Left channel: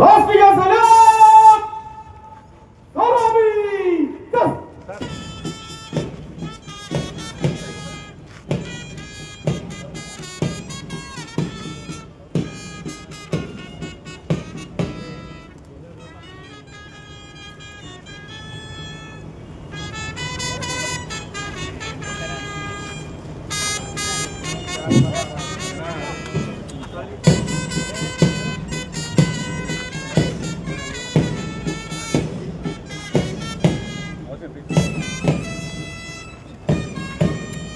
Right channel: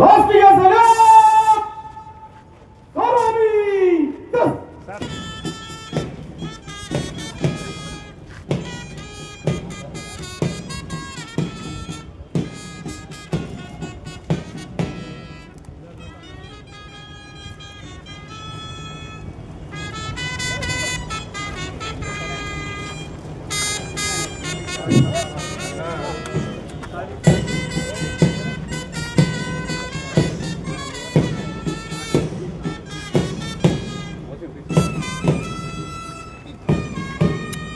राष्ट्रीय सलाम गौरवी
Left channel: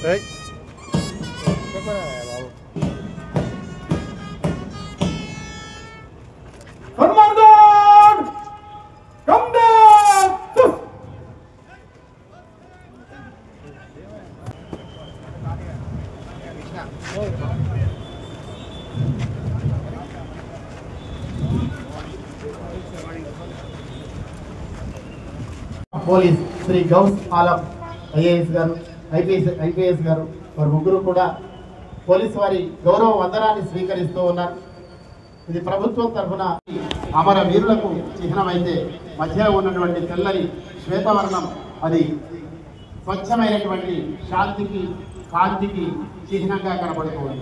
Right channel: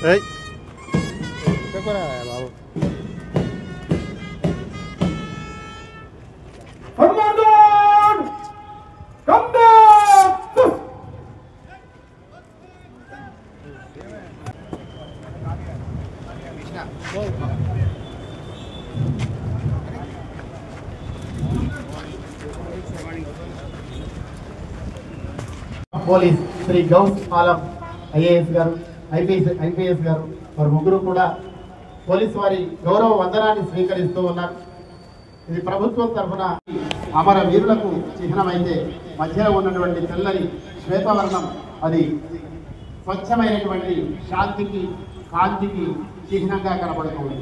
Hey. Commandant, come back. Police Shri Ghouse Alam IAS గారు ఐపీఎస్ గారు వారు ముగ్గురు కూడా పోలీసు వారి గౌరవ వందనాన్ని స్వీకరిస్తూ ఉన్నారు. ఇది ప్రభుత్వం తరఫున అమర వీరులకు చిహ్నమైతే మధ్యలో ఉన్నటువంటి తెల్లని శ్వేతవర్ణం అది స్వచ్ఛమైనటువంటి శాంతికి కాంతికి చిహ్నంగా కనబడుతుంది.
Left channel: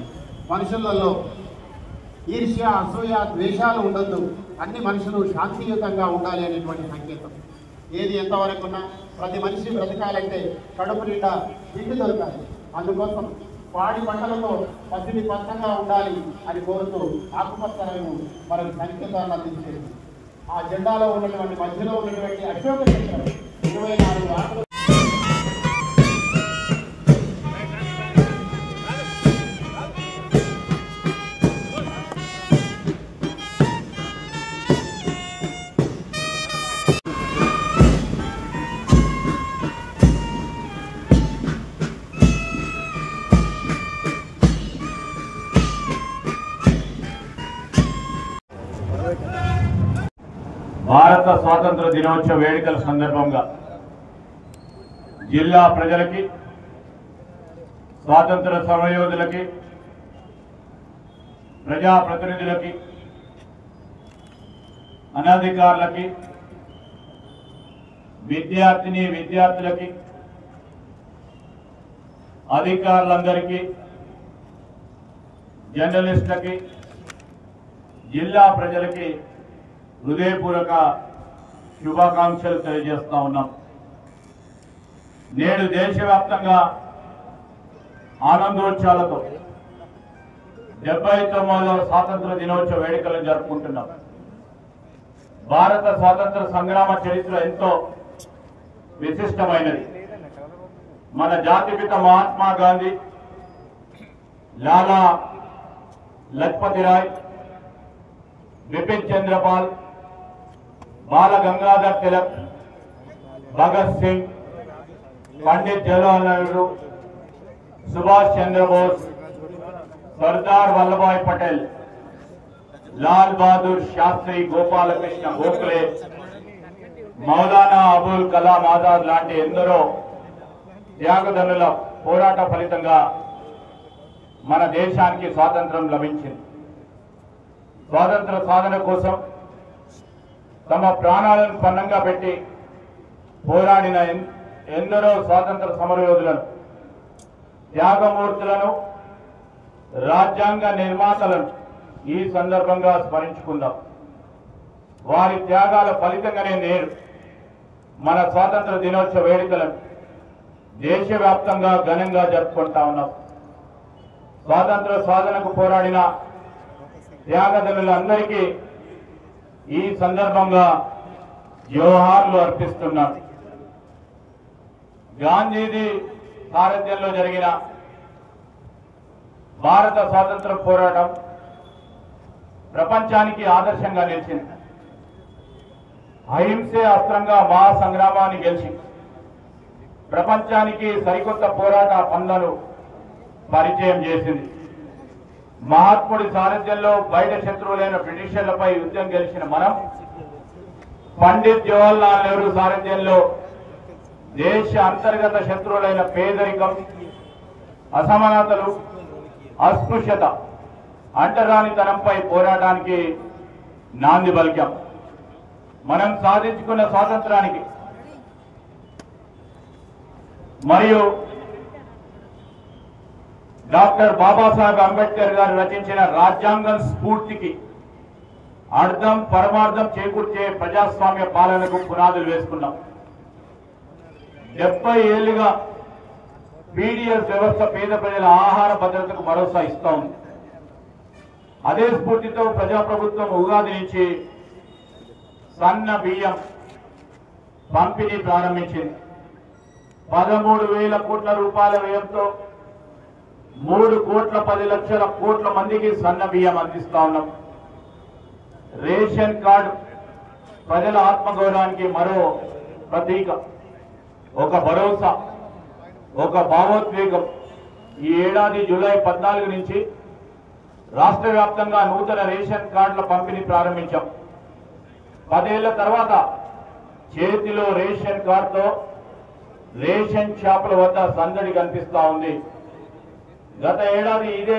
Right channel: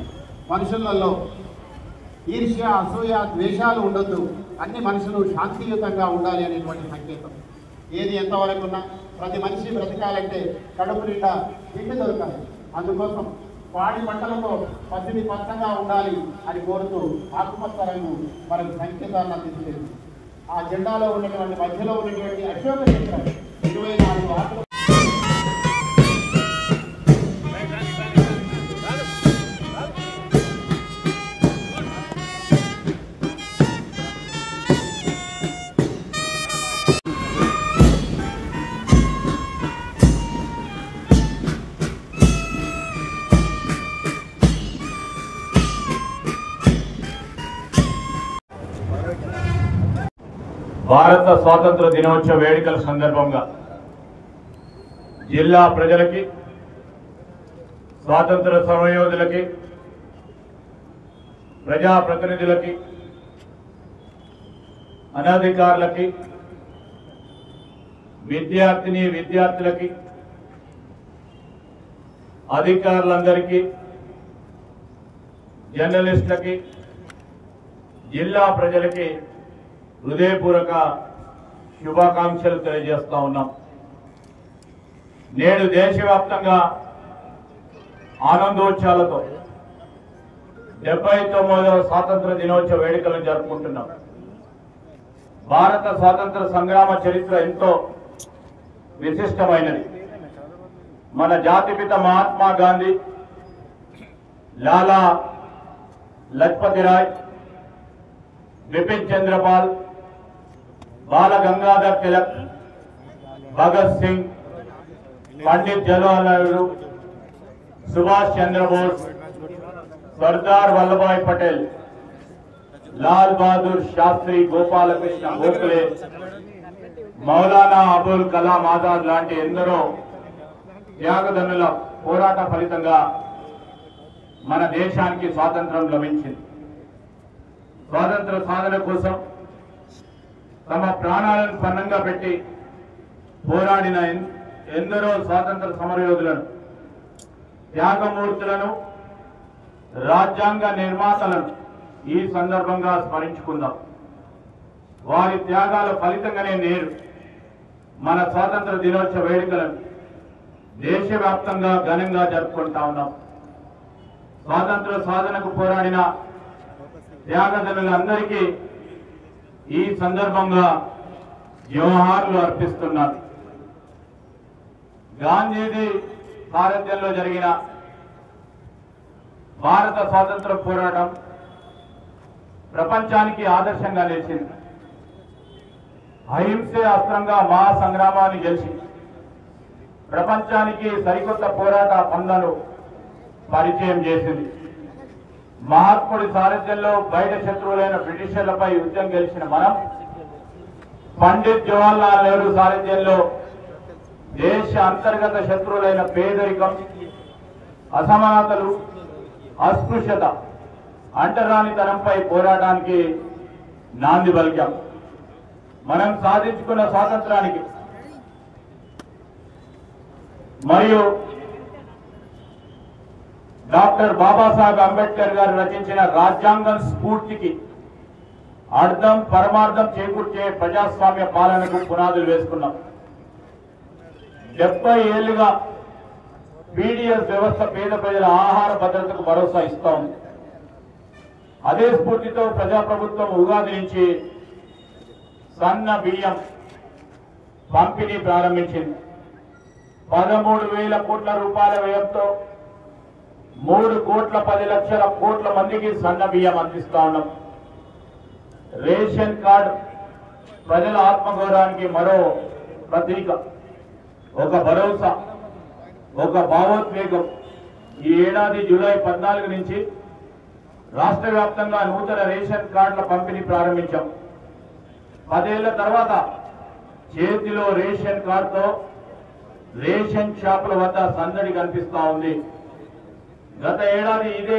మనుషులలో ఈర్ష్య అసూయ ద్వేషాలు ఉండొద్దు, అన్ని మనుషులు శాంతియుతంగా ఉండాలి అనేటువంటి సంకేతం. ఏది ఎంతవరకు ఉన్నా ప్రతి మనిషి బ్రతకాలంటే కడుపు నిండా తిండి దొరకాలి. అందుకోసం పాడి పంటలతో పసిడి పచ్చగా ఉండాలి అని కోరుతూ ఆకుపచ్చ రంగు మనకు సంకేతాన్ని అందిస్తుంది. ఆ జెండాలో ఉన్నటువంటి మధ్యలో ఉన్నటువంటి అశోక చక్రం 24 ఆకులు. భారత స్వాతంత్ర దినోత్సవ వేడుకల సందర్భంగా జిల్లా ప్రజలకి, స్వాతంత్ర సమరయోధులకి, ప్రజాప్రతినిధులకి, అనధికారులకి, విద్యార్థులకి, అధికారులందరికీ, జర్నలిస్టులకి, జిల్లా ప్రజలకి హృదయపూర్వక శుభాకాంక్షలు తెలియజేస్తా ఉన్నాం. నేడు దేశవ్యాప్తంగా ఆనందోత్సవాలతో 79వ స్వాతంత్ర దినోత్సవ వేడుకలను జరుపుకుంటున్నాం. భారత స్వాతంత్ర సంగ్రామ చరిత్ర ఎంతో విశిష్టమైనది. మన జాతిపిత మహాత్మా గాంధీ, లాలా లజపతి రాయ్, బిపిన్ చంద్రపాల్, బాల గంగాధర్ తిలక్, భగత్ సింగ్, పండిత్ జవహర్లాల్ నెహ్రూ, సుభాష్ చంద్రబోస్, సర్దార్ వల్లభాయ్ పటేల్, లాల్ బహదూర్ శాస్త్రి, గోపాలకృష్ణ గోఖలే, మౌలానా అబుల్ కలాం ఆజాద్ లాంటి ఎందరో త్యాగధనుల పోరాట ఫలితంగా మన దేశానికి స్వాతంత్రం లభించింది. స్వాతంత్ర సాధన కోసం తమ ప్రాణాలను పణంగా పెట్టి పోరాడిన ఎందరో స్వాతంత్ర సమరయోధులను, త్యాగమూర్తులను, రాజ్యాంగ నిర్మాతలను ఈ సందర్భంగా స్మరించుకుందాం. వారి త్యాగాల ఫలితంగానే నేడు మన స్వాతంత్ర దినోత్సవ వేడుకలను దేశవ్యాప్తంగా ఘనంగా జరుపుకుంటా ఉన్నాం. స్వాతంత్ర సాధనకు పోరాడిన త్యాగధనులందరికీ ఈ సందర్భంగా జోహార్లు అర్పిస్తున్నాం. గాంధీజీ సారథ్యంలో జరిగిన భారత స్వాతంత్ర పోరాటం ప్రపంచానికి ఆదర్శంగా నిలిచింది. అహింసే అస్త్రంగా మహాసంగ్రామాన్ని గెలిచి ప్రపంచానికి సరికొత్త పోరాట పందాలు పరిచయం చేసింది. మహాత్ముడి సారథ్యంలో బయట శత్రువులైన బ్రిటిషర్లపై యుద్ధం గెలిచిన మనం పండిత్ జవహర్లాల్ నెహ్రూ సారథ్యంలో దేశ అంతర్గత శత్రువులైన పేదరికం, అసమానతలు, అస్పృశ్యత, అంటరానితనంపై పోరాటానికి నాంది పలికాం. మనం సాధించుకున్న స్వాతంత్రానికి మరియు డాక్టర్ బాబాసాహెబ్ అంబేద్కర్ గారు రచించిన రాజ్యాంగం స్ఫూర్తికి అర్థం పరమార్థం చేకూర్చే ప్రజాస్వామ్య పాలనకు పునాదులు వేసుకున్నాం. 70 ఏళ్లుగా పీడీఎస్ వ్యవస్థ పేద ప్రజల ఆహార భద్రతకు భరోసా ఇస్తూ ఉంది. అదే స్ఫూర్తితో ప్రజాప్రభుత్వం ఉగాది నుంచి సన్న బియ్యం పంపిణీ ప్రారంభించింది. 13,000 కోట్ల రూపాయల వ్యయంతో 3,10,00,00,000 కోట్ల మందికి సన్న బియ్యం అందిస్తా ఉన్నాం. రేషన్ కార్డు ప్రజల ఆత్మగౌరవానికి మరో ప్రతీక, ఒక భరోసా, ఒక భావోద్వేగం. ఈ ఏడాది జూలై 14 నుంచి రాష్ట్ర వ్యాప్తంగా నూతన రేషన్ కార్డుల పంపిణీ ప్రారంభించాం. 10 ఏళ్ల తర్వాత చేతిలో రేషన్ కార్డుతో రేషన్ షాపుల వద్ద సందడి కనిపిస్తా ఉంది. గత ఏడాది ఇదే